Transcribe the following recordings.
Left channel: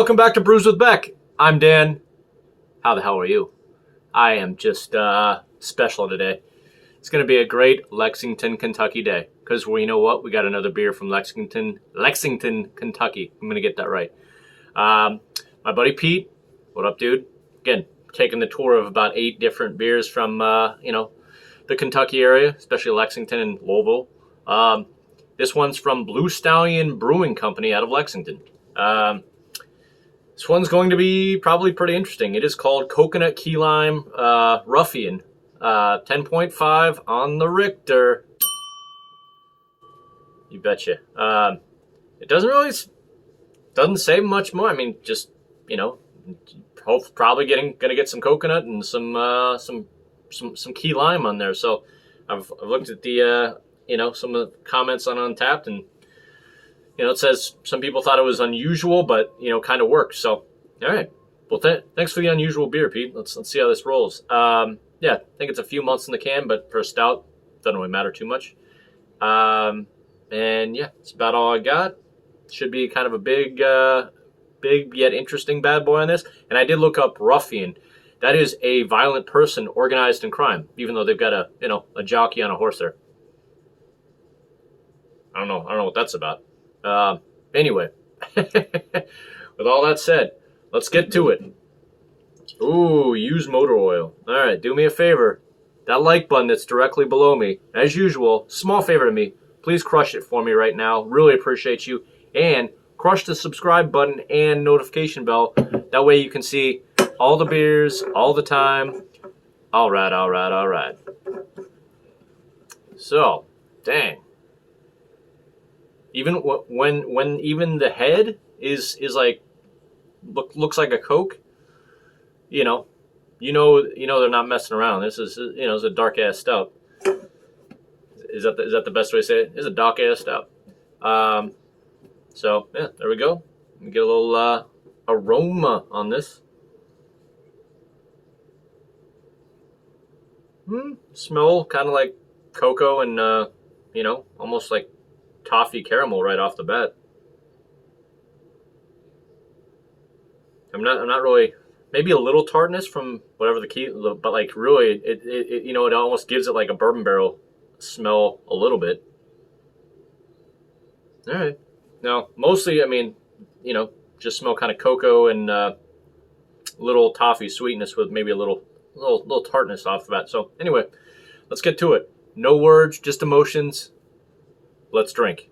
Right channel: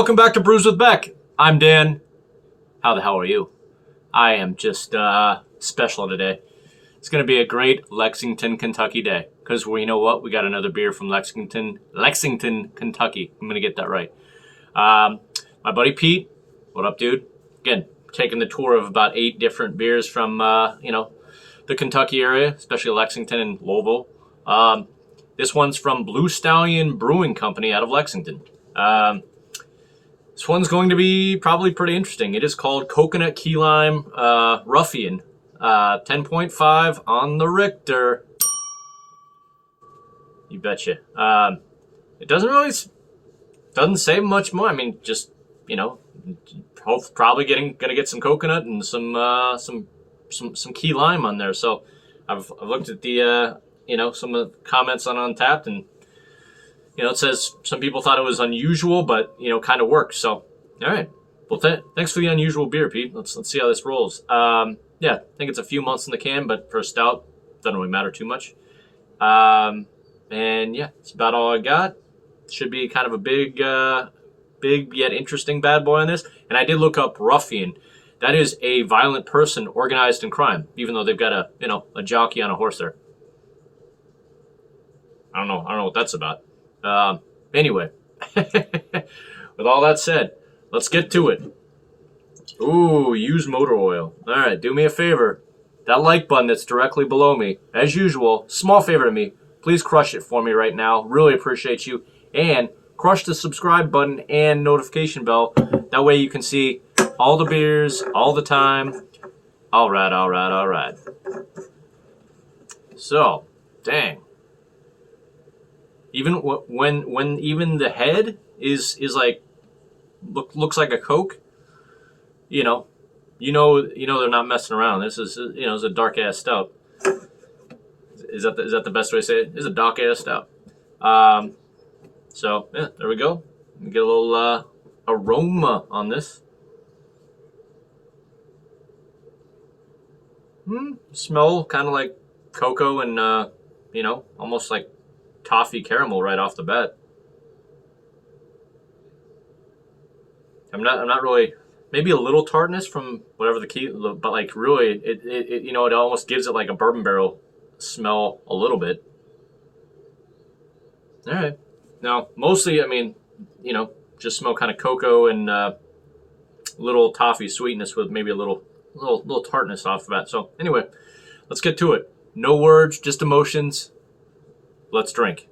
welcome back to Brews with Beck. I'm Dan. How the hell are you? I am just special today. It's going to be a great Lexington, Kentucky day. Because, well, you know what? We got another beer from Lexington, Kentucky. I'm going to get that right. My buddy Pete, what up, dude? Again, taking the tour of about 8 different beers from, the Kentucky area, especially Lexington and Louisville. This one's from Stallion Brewing Company out of Lexington. This one's going to be probably pretty interesting. It is called Coconut Key Lime Ruffian. 10.5 on the Richter. You betcha. It doesn't say much more. I mean, just, probably gonna get some coconut and some key lime on there. So I've looked at the some of the comments on Untapped, and it says some people thought it was unusual, but kind of works. So all right, well, thanks for the unusual beer, Pete. Let's see how this rolls. Yeah, I think it's a few months in the can, but for a stout, doesn't really matter too much. And yeah, that's about all I got. Should be kind of a big yet interesting bad boy on this. And I did look up Ruffian. That is a violent person organized in crime, even though they've got a jockey on a horse there. I don't know what that's about. Anyway, with all that said, let's get to it. Ooh, use motor oil. All right, do me a favor. That like button that's directly below me, as usual, small favor to me. Please crush it for me right now. Really appreciate you. And crush the subscribe button and notification bell. That way you can see all the beers, all the time. All right. So, dang. Even when even the head is like looks like a Coke, they're not messing around. This is it's a dark ass stout. Is that the best way to say it? It's a dark ass stout. So yeah, there we go. Get a little aroma on this. Smell kind of like cocoa and almost like toffee caramel right off the bat. I'm not really, maybe a little tartness from whatever the key, but like really it almost gives it like a bourbon barrel smell a little bit. All right. Now, mostly, I mean, just smell kind of cocoa and little toffee sweetness with maybe a little tartness off the bat. So anyway, let's get to it. No words, just emotions. Let's drink.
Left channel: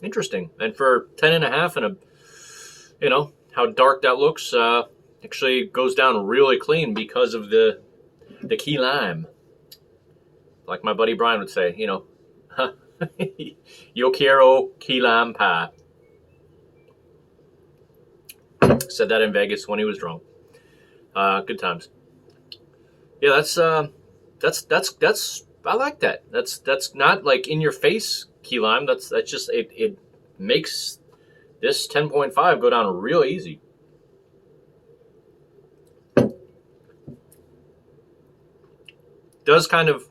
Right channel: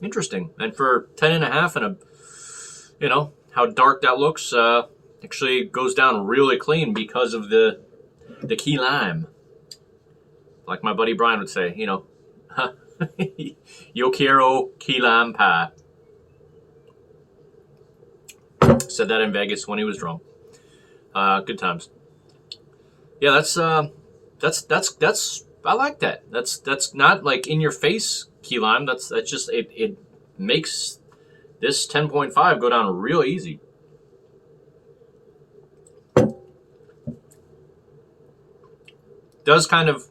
Interesting. And for 10.5 and how dark that looks, actually goes down really clean because of the key lime. Like my buddy Brian would say, yo quiero key lime pie. Said that in Vegas when he was drunk. Good times. Yeah, that's I like that. That's not like in your face key lime. That's just it makes this 10.5 go down real easy. Does kind of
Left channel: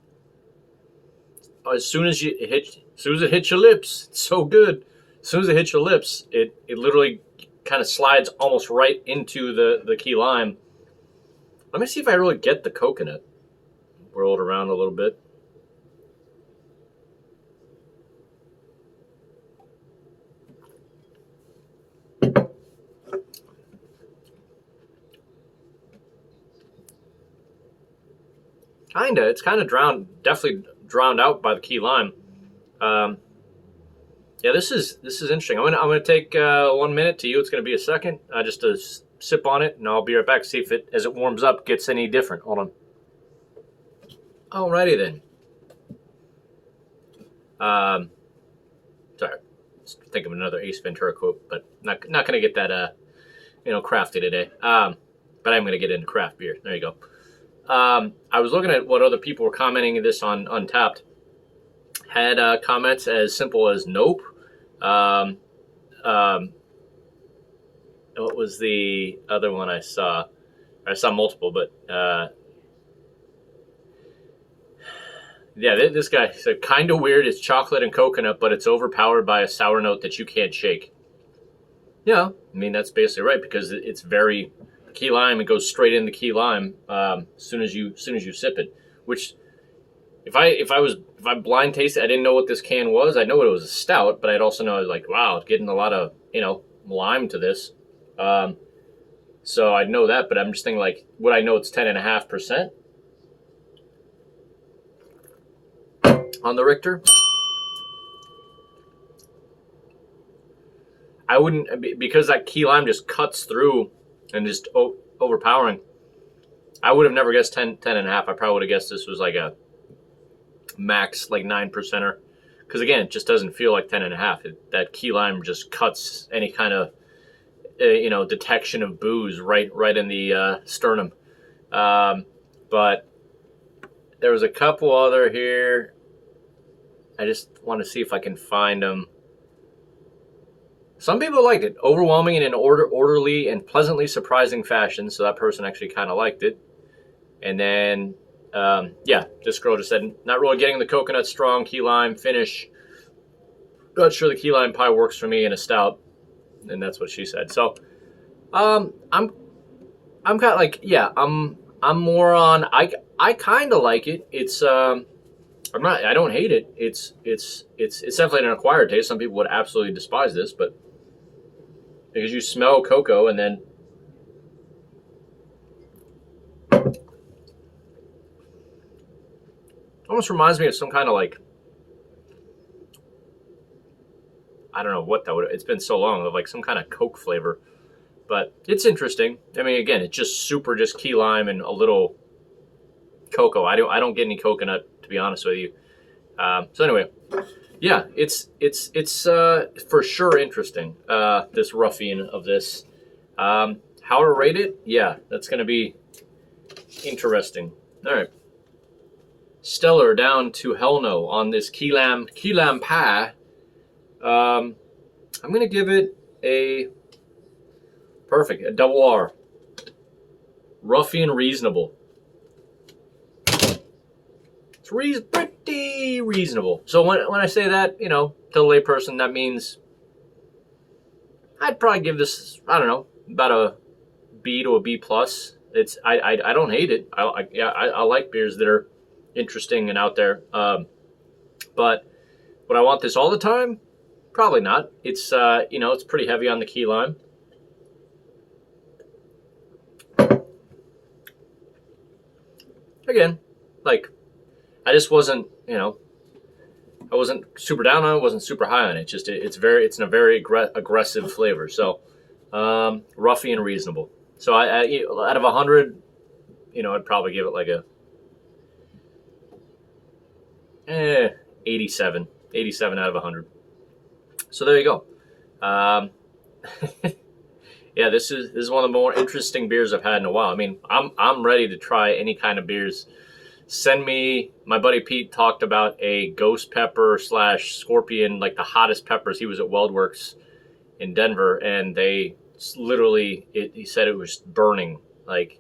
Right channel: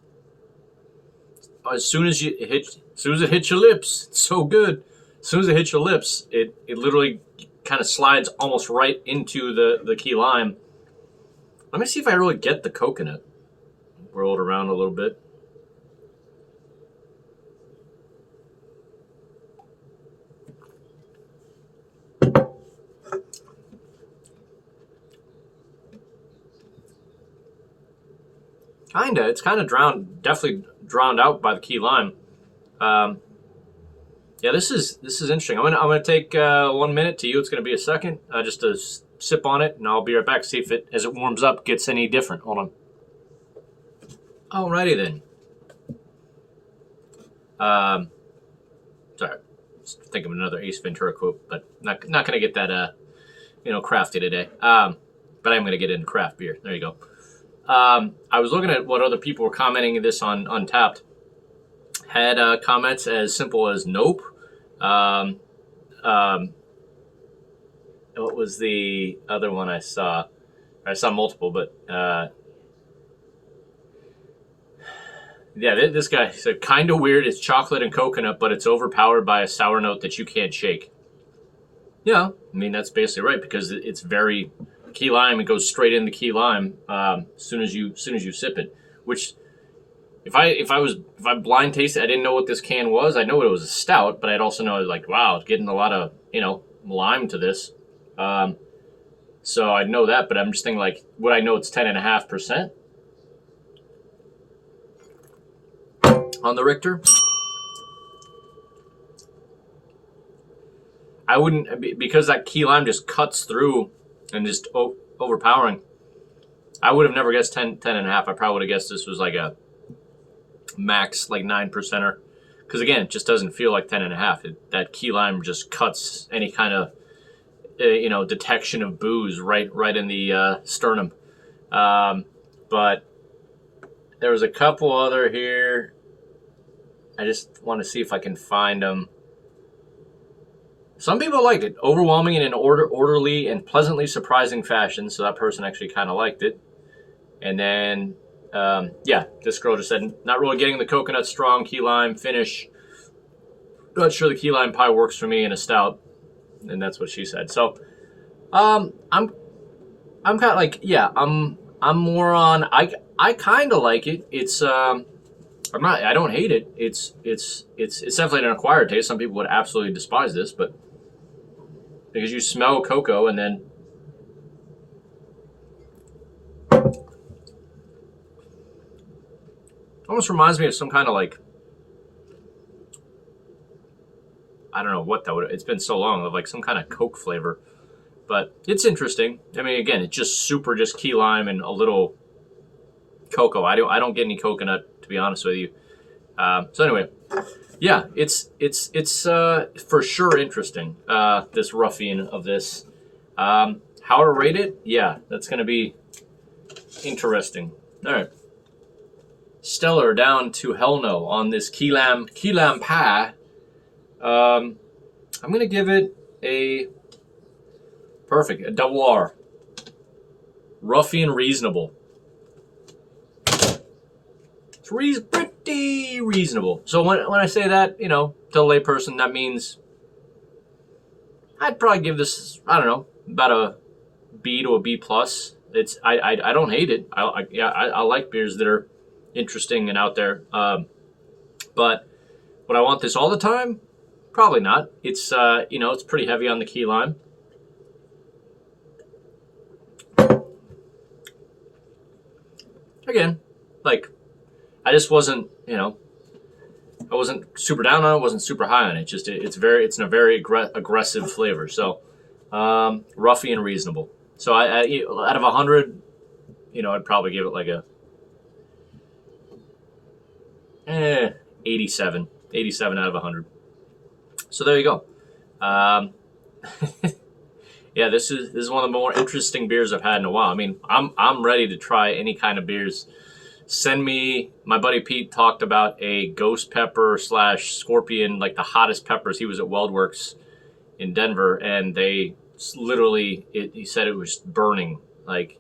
as soon as it hits your lips, it's so good. As soon as it hits your lips, it literally kind of slides almost right into the key lime. Let me see if I really get the coconut. Roll it around a little bit. It's kind of definitely drowned out by the key lime. Yeah, this is interesting. I'm gonna take 1 minute. To you, it's gonna be a second. Just to sip on it, and I'll be right back. See if as it warms up, gets any different. Hold on. Alrighty then. Sorry, just think of another Ace Ventura quote, but not gonna get that crafty today. But I'm gonna get into craft beer. There you go. I was looking at what other people were commenting this on Untapped. Had comments as simple as nope. What was the other one I saw? I saw multiple, but Yeah, this guy said kind of weird. It's chocolate and coconut, but it's overpowered by a sour note that you can't shake. Yeah, I mean that's basically right because it's very key lime. It goes straight into key lime as soon as you sip it. Which, if I blind tasted, I didn't know what this can was. I know it was a stout, but I'd also know like wow, getting a lot of lime to this. So I'd know that, but I'm just thinking like, would I know it's 10.5% on the Richter? I wouldn't, because that key lime just cuts through and just overpowering. I would have never guessed 10.5. I probably would have guessed this was like a max like 9%er. Because again, it just doesn't feel like 10.5. That key lime just cuts any kind of detection of booze right in the sternum. But there was a couple other here. I just want to see if I can find them. Some people liked it. Overwhelming in an orderly and pleasantly surprising fashion. So that person actually kind of liked it. And then, this girl just said, not really getting the coconut strong key lime finish. Not sure the key lime pie works for me in a stout. And that's what she said. So, I'm kind of like, yeah, I'm more on, I kind of like it. It's, I don't hate it. It's definitely an acquired taste. Some people would absolutely despise this, but because you smell cocoa and then almost reminds me of some kind of like, I don't know what that would, it's been so long, of like some kind of Coke flavor, but it's interesting. I mean, again, it's just just key lime and a little cocoa. I don't get any coconut, to be honest with you. So anyway, yeah, it's for sure interesting. This Ruffian of this, how to rate it? Yeah, that's gonna be interesting. All right, stellar down to hell no on this key lime pie. I'm gonna give it a double R. Ruffian reasonable. It's pretty reasonable. So when I say that, to a layperson, that means I'd probably give this, I don't know, about a B to a B plus. I don't hate it. I like beers that are interesting and out there. But would I want this all the time? Probably not. It's it's pretty heavy on the key lime. Again, like, I just wasn't, I wasn't super down on it, wasn't super high on it. Just it's in a very aggressive flavor. So, Ruffian reasonable. So I out of 100, I'd probably give it like a 87 out of 100. So there you go. Yeah, this is one of the more interesting beers I've had in a while. I mean, I'm ready to try any kind of beers. Send me, my buddy Pete talked about a ghost pepper / scorpion, like the hottest peppers. He was at WeldWorks in Denver, and they literally, he said it was burning, like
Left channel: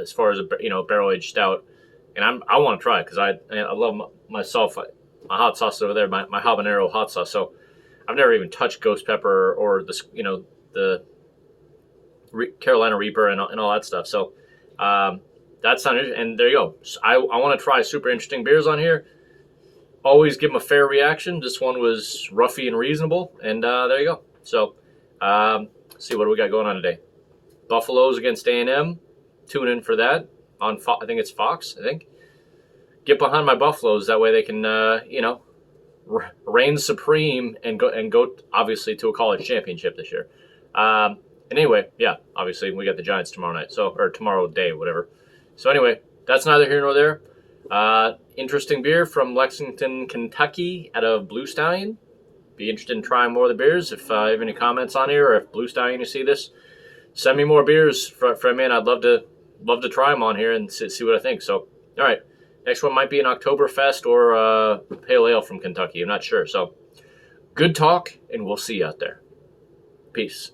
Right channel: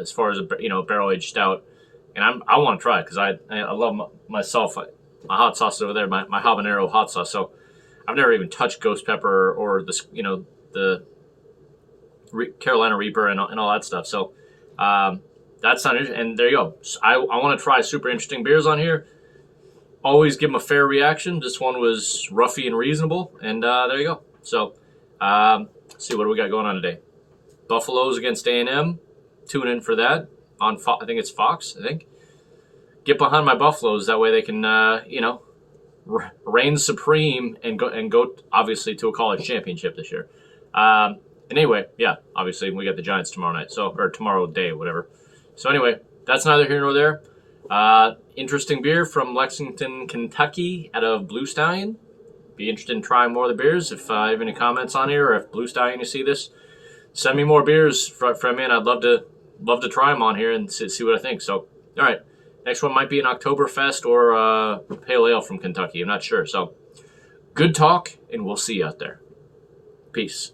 as far as a barrel aged stout. And I want to try it because I love myself my hot sauce over there, my habanero hot sauce. So I've never even touched ghost pepper or the Carolina Reaper and all that stuff. So that's not interesting. And there you go. So I want to try super interesting beers on here. Always give them a fair reaction. This one was Ruffian reasonable, and there you go. So let's see what do we got going on today. Buffaloes against A&M. Tune in for that on I think it's Fox. I think. Get behind my Buffaloes, that way they can reign supreme and go obviously to a college championship this year. And anyway, yeah, obviously we got the Giants tomorrow night, or tomorrow day, whatever. So anyway, that's neither here nor there. Interesting beer from Lexington, Kentucky, out of Blue Stallion. Be interested in trying more of the beers. If you have any comments on here, or if Blue Stallion you see this, send me more beers from me, and I'd love to try them on here and see what I think. So, all right. Next one might be an Oktoberfest or a Pale Ale from Kentucky. I'm not sure. So, good talk, and we'll see you out there. Peace.